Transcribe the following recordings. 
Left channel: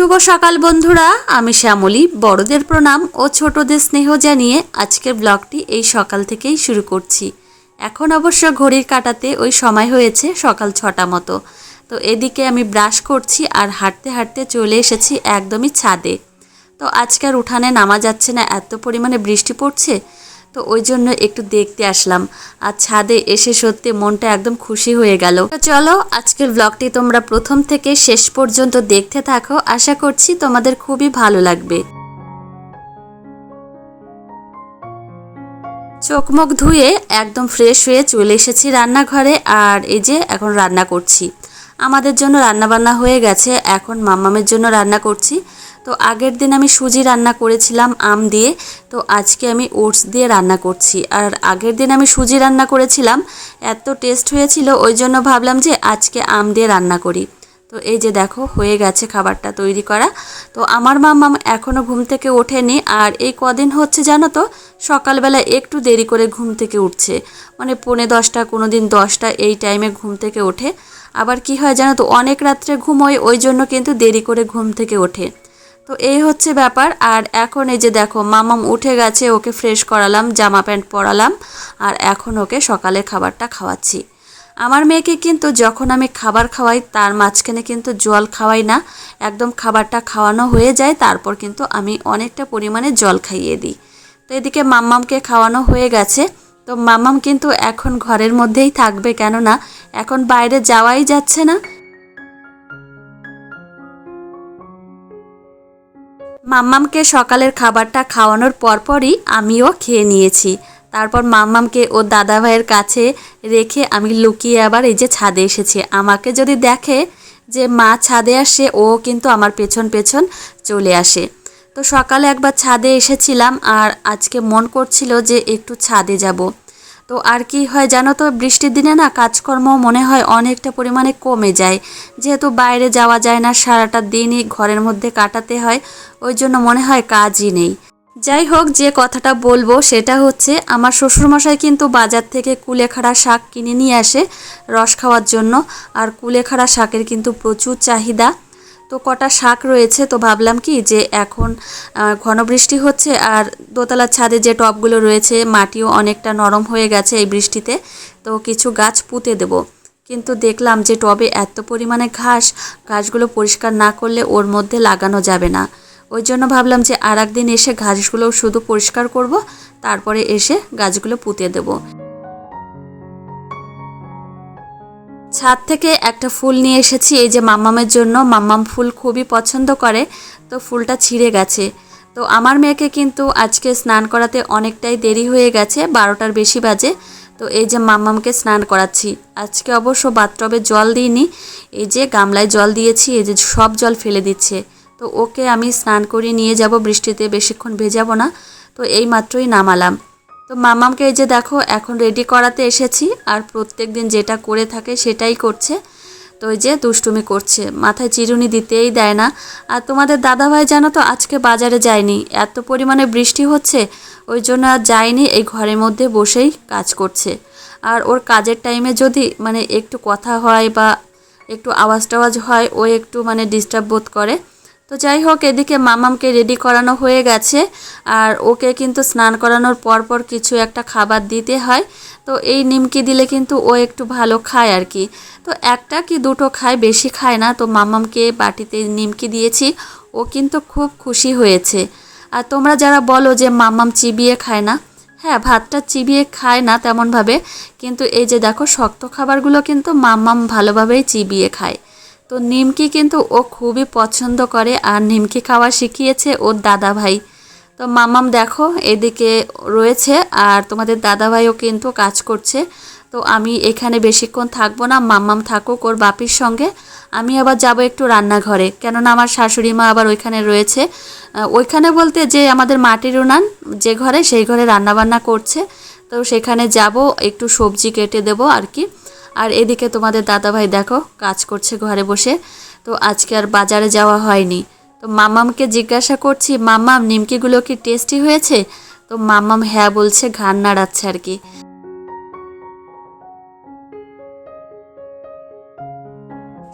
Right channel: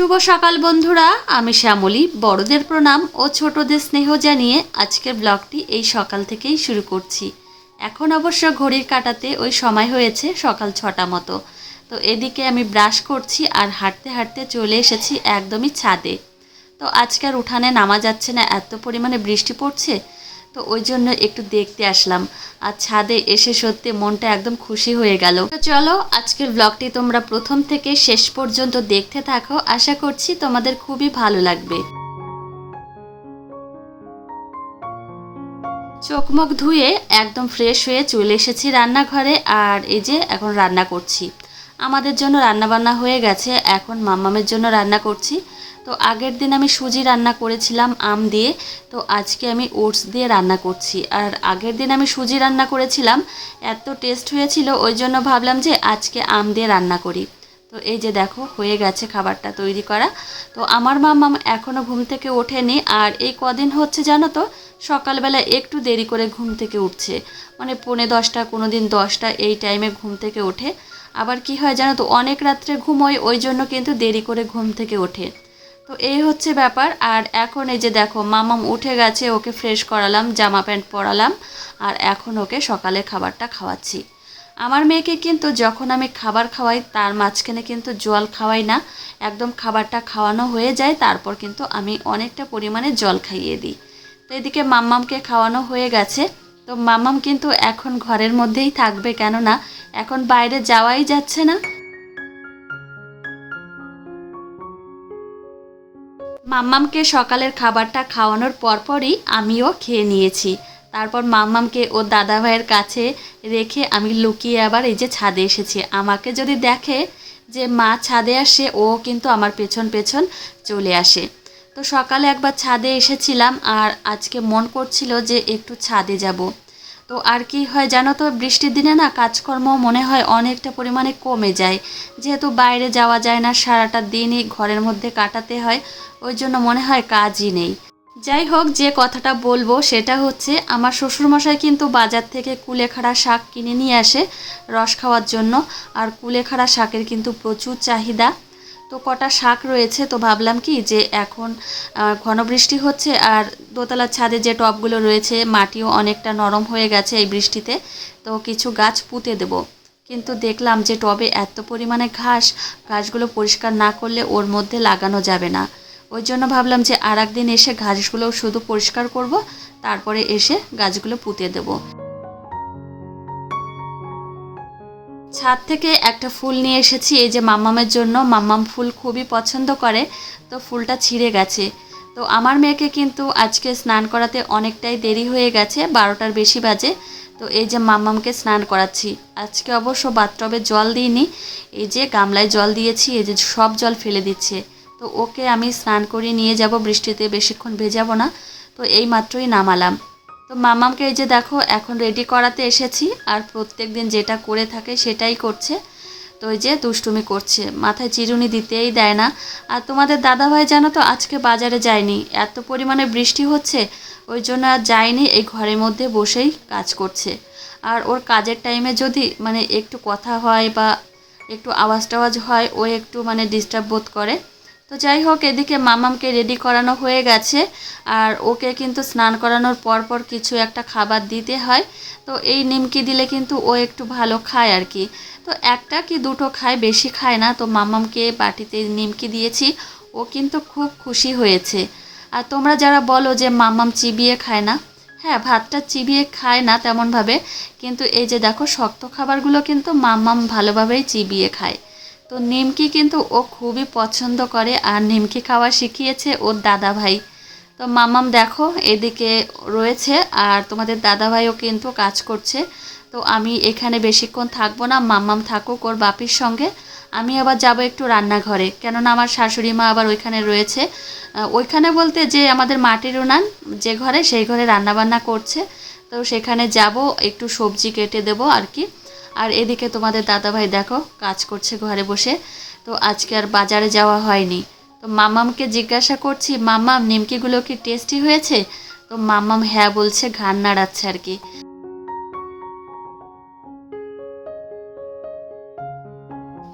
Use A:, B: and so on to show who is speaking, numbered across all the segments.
A: শুভ সকাল, বন্ধুরা। আমি শ্যামলী, বড়দের প্রণাম ও ছোটদের স্নেহ জানিয়ে আজকের ব্লগটি এই সকাল থেকেই শুরু করছি। এখন অবশ্য ঘড়ির কাটাতে ওই সময় হয়েছে সকাল ছটা মতো। তো এদিকে আমি ব্রাশ করছি আর হাঁটতে হাঁটতে চলে এসেছি একদমই ছাদে। তো আজকের উঠানে নামা যাচ্ছে না, এত পরিমাণে বৃষ্টি পড়ছে। তো ওই জন্য একটু দেখতে আসলাম। আর ছাদে এসে সত্যি মনটা একদম খুশি হয়ে গেল। তো চলো, আজকের ব্লগটি তোমরা প্রথম থেকে শেষ পর্যন্ত দেখতে থাকো। আশা করছি তোমাদের খুবই ভালো লাগবে। চোখ মুখ ধুয়ে একদম ফ্রেশ হয়ে চলে এসেছি রান্নাঘরে। আর এই যে এখন রান্না করছি। আমাদের জন্য রান্না বান্না হয়ে গেছে। এখন মাম্মামের জন্য রান্না করছি। তো আগের দিন আমি সুজি রান্না করেছিলাম, আম দিয়ে। তো আজকে আমি ওটস দিয়ে রান্না করছি। আর আগের দিন আমি সুজি রান্না করেছিলাম, এত টেস্ট হয়েছিল, ওই জন্য ভাবলাম যে আজকে আম দিয়ে রান্না করি। তো এই যে দেখো, হয়ে গেছে খাবারটা তৈরি করা। তো আমার মাম্মাম এখনও ঘুম থেকে ওঠেনি, আর এই কদিন হচ্ছে জানো তো, সকালবেলা একটু দেরি করে ঘুম থেকে উঠছে। মানে পৌনে দশটা কোনো দিন দশটা, এই টাইমে ঘুম থেকে ওঠে। আবার কি হয় জানো তো, অনেক রাত্রে ঘুমোয় ওই জন্য কিন্তু দেরি করে ঘুম থেকে ওঠে। তো এই হচ্ছে ব্যাপার। আর এখন এই যে দেখো, মামাম উঠে গেছে, ওকে ফ্রেশ করালাম, জামা প্যান্ট পরালাম, আর এখন ওকে সকালে খাবারটা খাওয়াচ্ছি। আমার মেয়েকে কিন্তু যখন আমি খাবার খাওয়াই, তার মাঝখানে কিন্তু জল খাওয়াই না। একদম খাবারটা খাওয়ানো হয়ে যায়, তারপর কিন্তু আমি অনেকটা পরিমাণে জল খাইয়ে দিই। তো এদিকে মাম্মামকে খাওয়ানো হয়ে গেছে। তো মাম্মাম কিন্তু এখন ঘরের মধ্যেই থাকবে, কেননা এখন বাইরে যাওয়াই যাচ্ছে না। মাম্মামকে সকালের খাবারটা খাওয়ানোর পরপরই আমিও খেয়ে নিয়েছি। তারপর মাম্মামকে ও দাদা ভাইয়ের কাছে রেখে আমি লুকিয়ে আবার এই যে ছাদে এসেছি। আমাকে যদি দেখে যে মা ছাদে আসে, ও কিন্তু আমার পেছন পেছন চলে আসে। তো সকালে একবার ছাদে এসেছিলাম আর আজকে মন করছিল যে একটু ছাদে যাব। তো আর কি হয় জানো তো, বৃষ্টির দিনে না কাজকর্ম মনে হয় অনেকটা পরিমাণে কমে যায়। যেহেতু বাইরে যাওয়া যায় না, সারাটা দিনই ঘরের মধ্যে কাটাতে হয়। ওই জন্য মনে হয় কাজই নেই। যাই হোক যে কথাটা বলব সেটা হচ্ছে আমার শ্বশুরমশাই কিন্তু বাজার থেকে কুলেখাড়া শাক কিনে নিয়ে আসে রস খাওয়ার জন্য আর কুলেখাড়া শাকের কিন্তু প্রচুর চাহিদা। তো কটা শাক রয়েছে তো ভাবলাম কি যে এখন আহ, ঘন বৃষ্টি হচ্ছে আর দোতলার ছাদে যে টবগুলো রয়েছে মাটিও অনেকটা নরম হয়ে গেছে এই বৃষ্টিতে তো কিছু গাছ পুঁতে দেবো। কিন্তু দেখলাম যে টবে এত পরিমাণে ঘাস ঘাসগুলো পরিষ্কার না করলে ওর মধ্যে লাগানো যাবে না। ওই জন্য ভাবলাম যে আর একদিন এসে ঘাসগুলো শুধু পরিষ্কার করব, তারপরে এসে গাছগুলো পুঁতে দেবো। ছাদ থেকে একটা ফুল নিয়ে এসেছি, এই যে মাম্মামের জন্য। মাম্মাম ফুল খুবই পছন্দ করে, তো ফুলটা ছিঁড়ে গেছে। তো আমার মেয়েকে কিন্তু আজকে স্নান করাতে অনেকটাই দেরি হয়ে গেছে, বারোটার বেশি বাজে। তো এই যে মাম্মামকে স্নান করাচ্ছি। আজকে অবশ্য বাথটবে জল দিইনি, এই যে গামলায় জল দিয়েছি, এই যে সব জল ফেলে দিচ্ছে। তো ওকে আমি স্নান করিয়ে নিয়ে যাব, বৃষ্টিতে বেশিক্ষণ ভেজাবো না। তো এই মাত্রই নামালাম। তো মামামকে এই যে দেখো, এখন রেডি করাতে এসেছি। আর প্রত্যেক দিন যেটা করে থাকে সেটাই করছে। তো ওই যে দুষ্টুমি করছে। মাথায় চিরুনি দিতেই দেয় না। আর তোমাদের দাদাভাই জানো তো, আজকে বাজারে যায়নি। এত পরিমাণে বৃষ্টি হচ্ছে, ওই জন্য আর যায়নি। এই ঘরের মধ্যে বসেই কাজ করছে। আর ওর কাজের টাইমে যদি মানে একটু কথা হয় বা একটু আওয়াজ টাওয়াজ হয়, ও একটু মানে ডিস্টার্ব বোধ করে। তো যাই হোক এদিকে মামামকে রেডি করানো হয়ে গেছে। আর ওকে কিন্তু স্নান করানোর পর পর কিছু একটা খাবার দিতে হয়। তো এই নিমকি দিলে কিন্তু ও একটু ভালো খায় আর কি। তো একটা কি দুটো খায়, বেশি খায় না। তো মামামকে বাটিতে নিমকি দিয়েছি। ও কিন্তু খুব খুশি হয়েছে। আর তোমরা যারা বলো যে মামাম চিবিয়ে খায় না হ্যাঁ ভাতটা চিবিয়ে খায় না তেমনভাবে। কিন্তু এই যে দেখো, শক্ত খাবারগুলো কিন্তু মাম্মাম ভালোভাবেই চিবিয়ে খায়। তো নিমকি কিন্তু ও খুবই পছন্দ করে আর নিমকি খাওয়া শিখিয়েছে ওর দাদা ভাই তো মামাম দেখো, এদিকে রয়েছে আর তোমাদের দাদা ভাইও কিন্তু কাজ করছে। তো আমি এখানে বেশিক্ষণ থাকব না মাম্মাম থাকুক ওর বাপির সঙ্গে। আমি আবার যাব একটু রান্নাঘরে, কেননা আমার শাশুড়ি মা আবার ওইখানে রয়েছে। ওইখানে বলতে যে আমাদের মাটির উনান, যে ঘরে সেই ঘরে রান্নাবান্না করছে। তো সেখানে যাব, একটু সবজি কেটে দেবো আর কি। আর এদিকে তোমাদের দাদাভাই দেখো, কাজ করছে ঘরে বসে। তো আজকে আর বাজারে যাওয়া হয়নি। তো মামামকে জিজ্ঞাসা করছি, মামাম, নিমকিগুলো কি টেস্টি হয়েছে? তো মামাম হ্যাঁ বলছে ঘান নাড়াচ্ছে আর কি।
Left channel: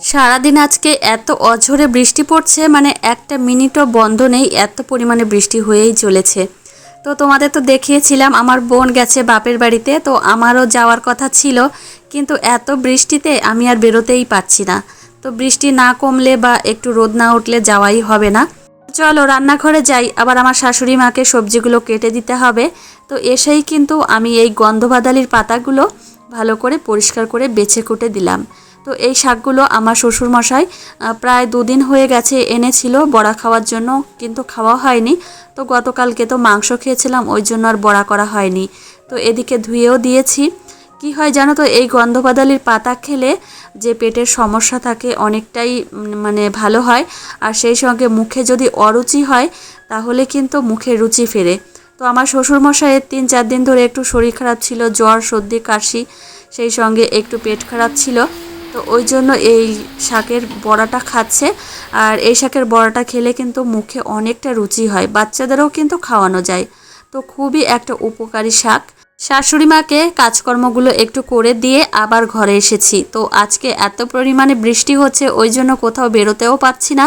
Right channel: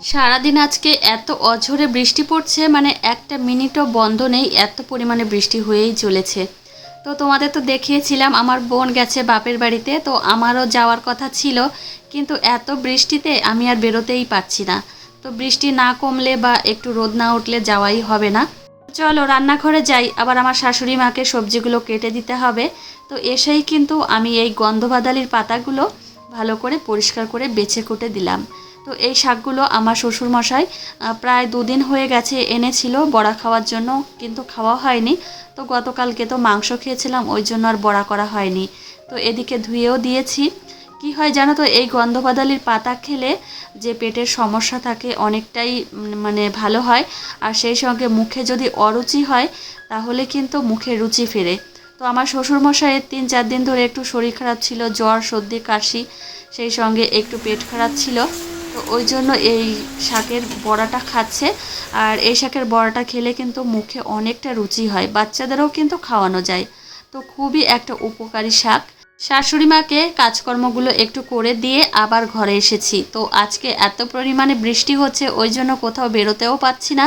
A: সারাদিন আজকে এত অঝরে বৃষ্টি পড়ছে মানে একটা মিনিটও বন্ধ নেই, এত পরিমাণে বৃষ্টি হয়েই চলেছে। তো তোমাদের তো দেখিয়েছিলাম, আমার বোন গেছে বাপের বাড়িতে, তো আমারও যাওয়ার কথা ছিল। কিন্তু এত বৃষ্টিতে আমি আর বেরোতেই পারছি না। তো বৃষ্টি না কমলে বা একটু রোদ না উঠলে যাওয়াই হবে না। চলো রান্নাঘরে যাই, আবার আমার শাশুড়ি মাকে সবজিগুলো কেটে দিতে হবে। তো এসেই কিন্তু আমি এই গন্ধবাদালির পাতাগুলো ভালো করে পরিষ্কার করে বেছে কুটে দিলাম। তো এই শাকগুলো আমার শ্বশুরমশাই প্রায় দুদিন হয়ে গেছে এনেছিল, বড়া খাওয়ার জন্য কিন্তু খাওয়া হয়নি। তো গতকালকে তো মাংস খেয়েছিলাম, ওই জন্য আর বড়া করা হয়নি। তো এদিকে ধুয়েও দিয়েছি। কি হয় জানো তো? এই গন্ধবাদালির পাতা খেলে যে পেটের সমস্যা থাকে অনেকটাই মানে ভালো হয়। আর সেই সঙ্গে মুখে যদি অরুচি হয়, তাহলে কিন্তু মুখে রুচি ফেরে। তো আমার শ্বশুরমশাইয়ের তিন চার দিন ধরে একটু শরীর খারাপ ছিল, জ্বর, সর্দি, কাশি, সেই সঙ্গে একটু পেট খারাপ ছিল। তো ওই জন্য এই শাকের বড়াটা খাচ্ছে। আর এই শাকের বড়াটা খেলে কিন্তু মুখে অনেকটা রুচি হয়। বাচ্চাদেরও কিন্তু খাওয়ানো যায়। তো খুবই একটা উপকারী শাক। শাশুড়ি মাকে কাজকর্মগুলো একটু করে দিয়ে আবার ঘরে এসেছি। তো আজকে এত পরিমাণে বৃষ্টি হচ্ছে, ওই জন্য কোথাও বেরোতেও পাচ্ছি না।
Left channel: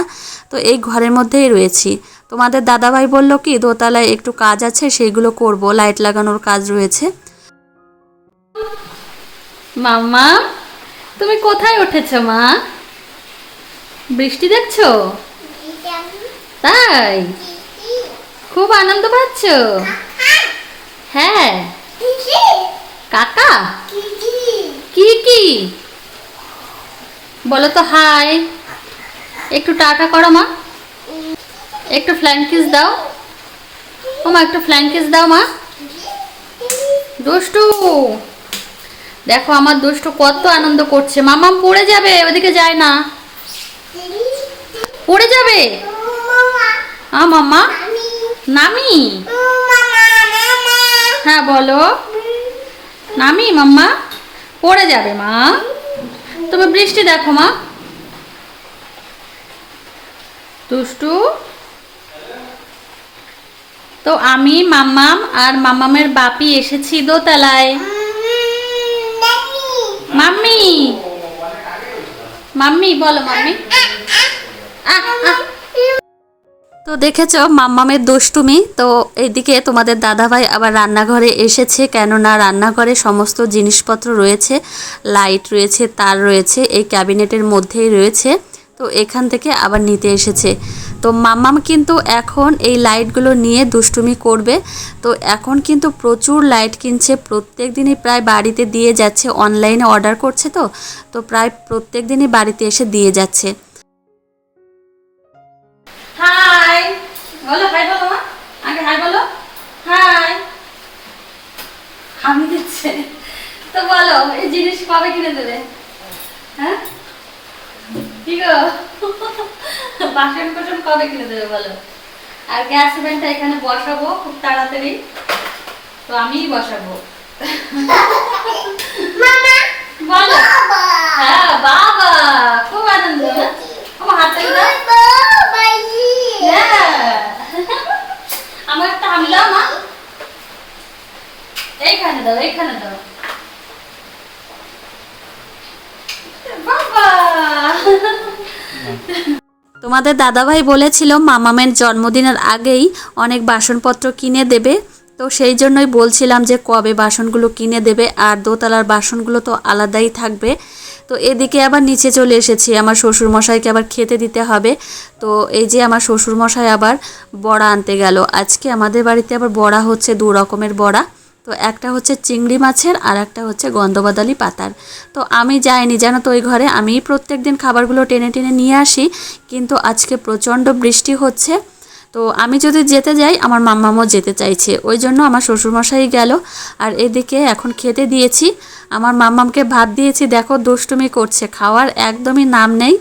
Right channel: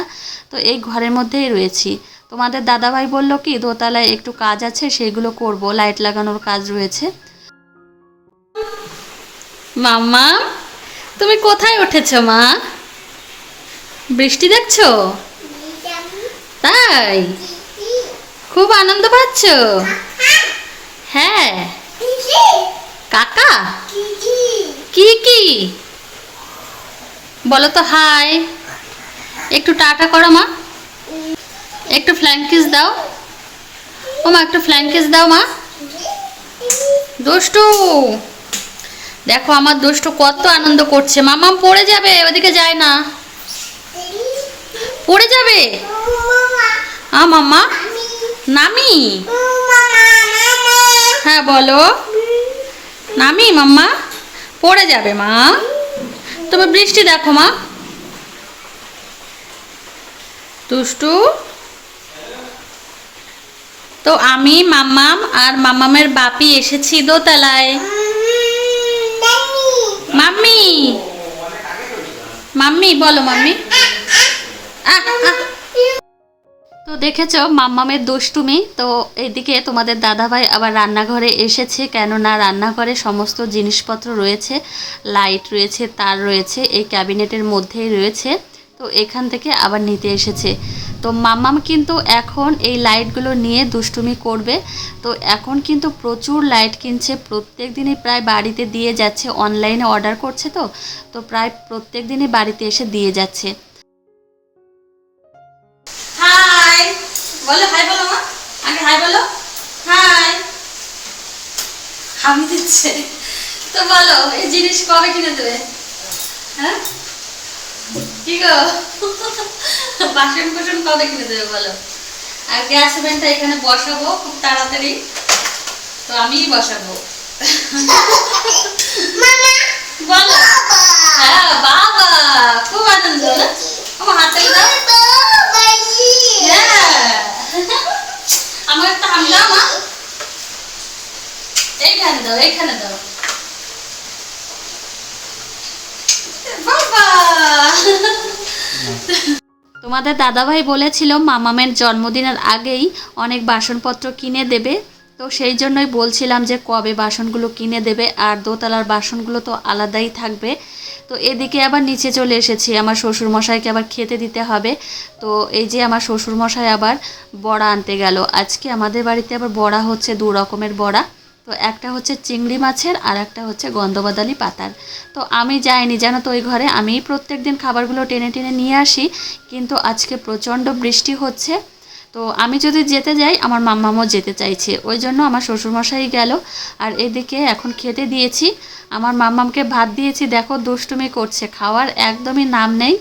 A: তো এই ঘরের মধ্যেই রয়েছি। তোমাদের দাদাভাই বলল কি, দোতলায় একটু কাজ আছে, সেইগুলো করব। লাইট লাগানোর কাজ রয়েছে। মাম্মা, তুমি কোথায় উঠেছ মা? বৃষ্টি দেখছ? তাই? খুব আনন্দ পাচ্ছ? হ্যাঁ। কাকা? কি কি বলো তো হাই। একটু টাটা করো মা। একটু ফ্ল্যাঙ্কিস দাও। ও মা একটু ফ্ল্যাঙ্কিস দাও মা। দুষ্টু। দেখো আমার দুষ্টু কত আনন্দ করছে। মামাম পড়ে যাবে ওদিকে যায় না। পড়ে যাবে? আ মাম্মা নামি। হ্যাঁ বলো। নামি মাম্মা। পড়ে যাবে মা। তবে বৃষ্টি দেখো মা। দুষ্টু। তো আমি মাম্মাম আর মাম্মামের বাপি এসেছি দোতলায়। মাম্মি। মাম্মি বলো মাম্মি। আহ, আহ। তো দেখেছ, মাম্মামের দুষ্টুমি? তো এদিকে তোমাদের দাদাভাই আবার রান্নাঘরে এসেছে, কেননা রান্নাঘরে সমস্ত জিনিসপত্র রয়েছে, লাইট রয়েছে, তার রয়েছে, এই ক্যাবিনেটের মধ্যেই রয়েছে, তো এখান থেকে আবার নিতে এসেছে। তো মাম্মাম কিন্তু এখন এই লাইটগুলো নিয়ে দুষ্টুমি করবে, তো এখন কিন্তু প্রচুর লাইট কিনছে, প্রত্যেক দিনই প্রায় বাড়িতে দিয়ে যাচ্ছে, অনলাইনে অর্ডার করছে তো তো প্রায় প্রত্যেক দিনই বাড়িতে এসে দিয়ে যাচ্ছে। দিচ্ছে তো বলো এই জিনিস কবে কিনে দেবে? হ্যাঁ? কি গো? বাসন কোসন কবে কিনে দেবে বলো? আর গ্যাস ওভেনটা এখানে বসাবো খুব তাড়াতাড়ি। তো আমিই বসাবো। বলো। হ্যাঁ বাবা খুব আনন্দ? আমার হাতে দাও। হ্যাঁ। আমার একটা হামি দাও মা এইখানে দাও এইখানে দাও তোমাদের দাদাভাই বলেছিল, মামামের জন্মদিনের আগেই অনেক বাসনপত্র কিনে দেবে। তো সেই জন্যই বলছিলাম যে কবে বাসনগুলো কিনে দেবে, আর দোতলার বাসনগুলো তো আলাদাই থাকবে। তো এদিকে আবার নিচে চলে এসেছি, আমার শ্বশুরমশাইকে আবার খেতে দিতে হবে। তো এই যে আমার শ্বশুরমশাই আবার বড়া আনতে গেল। আজকে আমাদের বাড়িতে আবার বড়া হচ্ছে, দু রকমের বড়া। তো একটা হচ্ছে চিংড়ি মাছের আর একটা হচ্ছে গন্ধবাদালি পাতার। তো আমি যাইনি, জানো তো ওই ঘরে। আমি প্রত্যেক দিন খাবারগুলো টেনে টেনে নিয়ে আসি, কিন্তু আজকে প্রচণ্ড বৃষ্টি হচ্ছে। তো আমি যদি যেতে যাই, আমার মাম্মামও যেতে চাইছে। ওই জন্য আমার শ্বশুরমশাই গেল। আর এদিকে এখন খেতে দিয়েছি। আমার মাম্মামকে ভাত দিয়েছি। দেখো দুষ্টুমি করছে। খাওয়ার একদমই নাম নেই।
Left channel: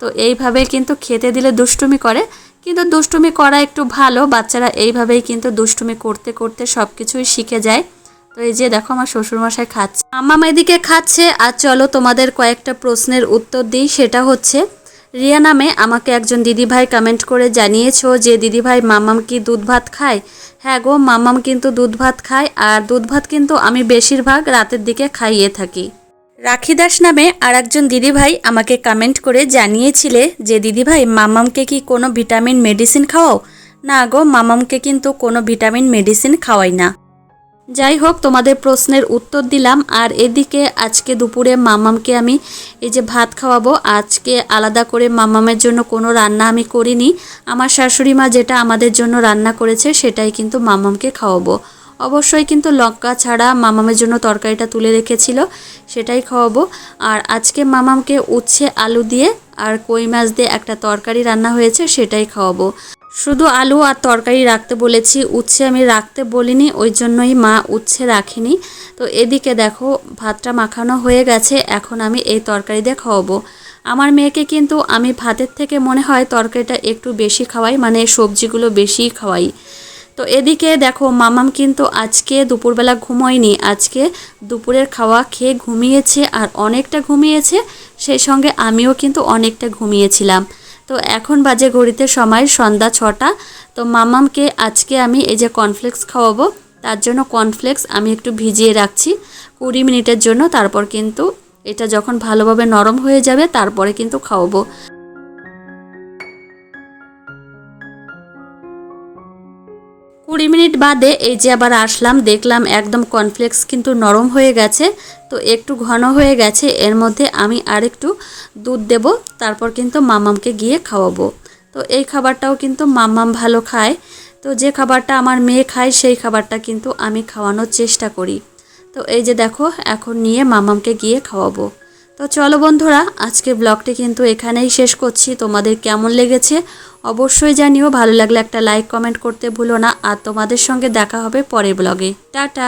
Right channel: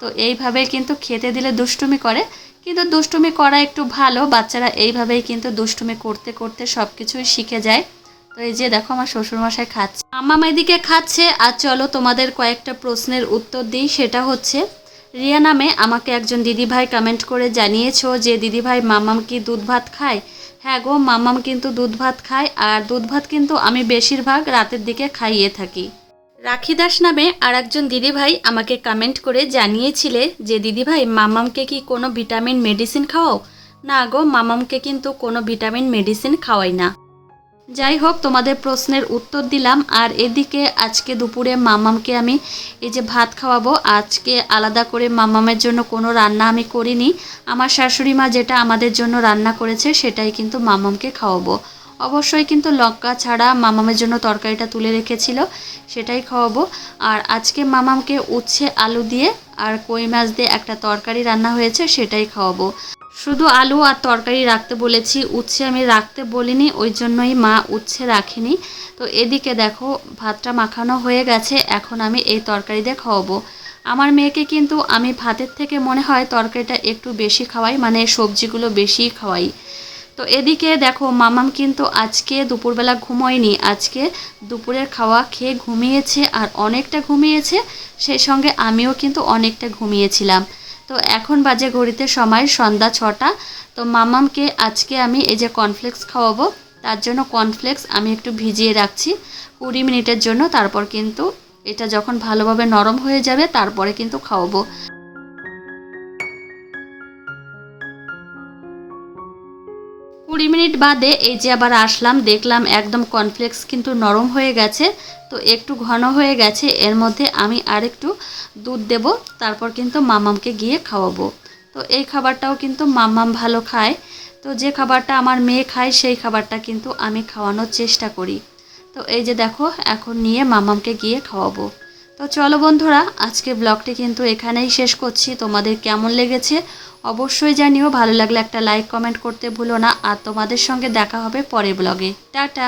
A: তো এইভাবে কিন্তু খেতে দিলে দুষ্টুমি করে। কিন্তু দুষ্টুমি করা একটু ভালো। বাচ্চারা এইভাবেই কিন্তু দুষ্টুমি করতে করতে সব কিছুই শিখে যায়। তো এই যে দেখো আমার শ্বশুরমশাই খাচ্ছে। মাম্মাম এদিকে খাচ্ছে, আর চলো তোমাদের কয়েকটা প্রশ্নের উত্তর দিই। সেটা হচ্ছে, রিয়া নামে আমাকে একজন দিদিভাই কমেন্ট করে জানিয়েছো যে, দিদিভাই, মামাম কি দুধ ভাত খায়? হ্যাঁ গো, মামাম কিন্তু দুধ ভাত খায়, আর দুধ ভাত কিন্তু আমি বেশিরভাগ রাতের দিকে খাইয়ে থাকি। রাখি দাস নামে আর একজন দিদিভাই আমাকে কমেন্ট করে জানিয়েছিলে যে, দিদিভাই, মামামকে কি কোনো ভিটামিন মেডিসিন খাওয়াও? না গো, মামামকে কিন্তু কোনো ভিটামিন মেডিসিন খাওয়াই না। যাই হোক তোমাদের প্রশ্নের উত্তর দিলাম। আর এদিকে আজকে দুপুরে মামামকে আমি এই যে ভাত খাওয়াবো, আজকে আলাদা করে মামামের জন্য কোনো রান্না আমি করিনি। আমার শাশুড়ি মা যেটা আমাদের জন্য রান্না করেছে, সেটাই কিন্তু মামামকে খাওয়াবো। অবশ্যই কিন্তু লঙ্কা ছাড়া মামামের জন্য তরকারিটা তুলে রেখেছিল, সেটাই খাওয়াবো। আর আজকে মামামকে উচ্ছে আলু দিয়ে আর কই মাছ দিয়ে একটা তরকারি রান্না হয়েছে, সেটাই খাওয়াবো। শুধু আলু আর তরকারি রাখতে বলেছি, উচ্ছে আমি রাখতে বলিনি, ওই জন্যই মা উচ্ছে রাখিনি। তো এদিকে দেখো, ভাতটা মাখানো হয়ে গেছে, এখন আমি এই তরকারি দিয়ে খাওয়াবো। আমার মেয়েকে কিন্তু আমি ভাতের থেকে মনে হয় তরকারিটা একটু বেশি খাওয়াই মানে সবজিগুলো বেশি খাওয়াই। তো এদিকে দেখো, মামাম কিন্তু আজকে দুপুরবেলা ঘুমোয়নি, আজকে দুপুরের খাওয়া খেয়ে ঘুমিয়েছে আর অনেকটা ঘুমিয়েছে, সেই সঙ্গে আমিও কিন্তু অনেকটা ঘুমিয়েছিলাম। তো এখন বাজে ঘড়িতে সময়, সন্ধ্যা ছটা। তো মামামকে আজকে আমি এই যে কর্নফ্লেক্স খাওয়াবো, তার জন্য কর্নফ্লেক্স আমি একটু ভিজিয়ে রাখছি কুড়ি মিনিটের জন্য। তারপর কিন্তু এটা যখন ভালোভাবে নরম হয়ে যাবে, তারপরে কিন্তু খাওয়াবো। কুড়ি মিনিট বাদে এই যে আবার আসলাম, দেখলাম একদম কর্নফ্লেক্স কিন্তু নরম হয়ে গেছে, তো একটু ঘন হয়ে গেছে, এর মধ্যে আমি আরেকটু দুধ দেব, তারপর কিন্তু মামামকে গিয়ে খাওয়াবো। তো এই খাবারটাও কিন্তু মামাম ভালো খায়, তো যে খাবারটা আমার মেয়ে খায়, সেই খাবারটা কিন্তু আমি খাওয়ানোর চেষ্টা করি। তো এই যে দেখো, এখন নিয়ে মামামকে গিয়ে খাওয়াবো। তো চলো বন্ধুরা, আজকে ব্লগটি কিন্তু এখানেই শেষ করছি। তোমাদের কেমন লেগেছে অবশ্যই জানিও। ভালো লাগলে একটা লাইক কমেন্ট করতে ভুলো না। আর তোমাদের সঙ্গে দেখা হবে পরের ব্লগে টাটা!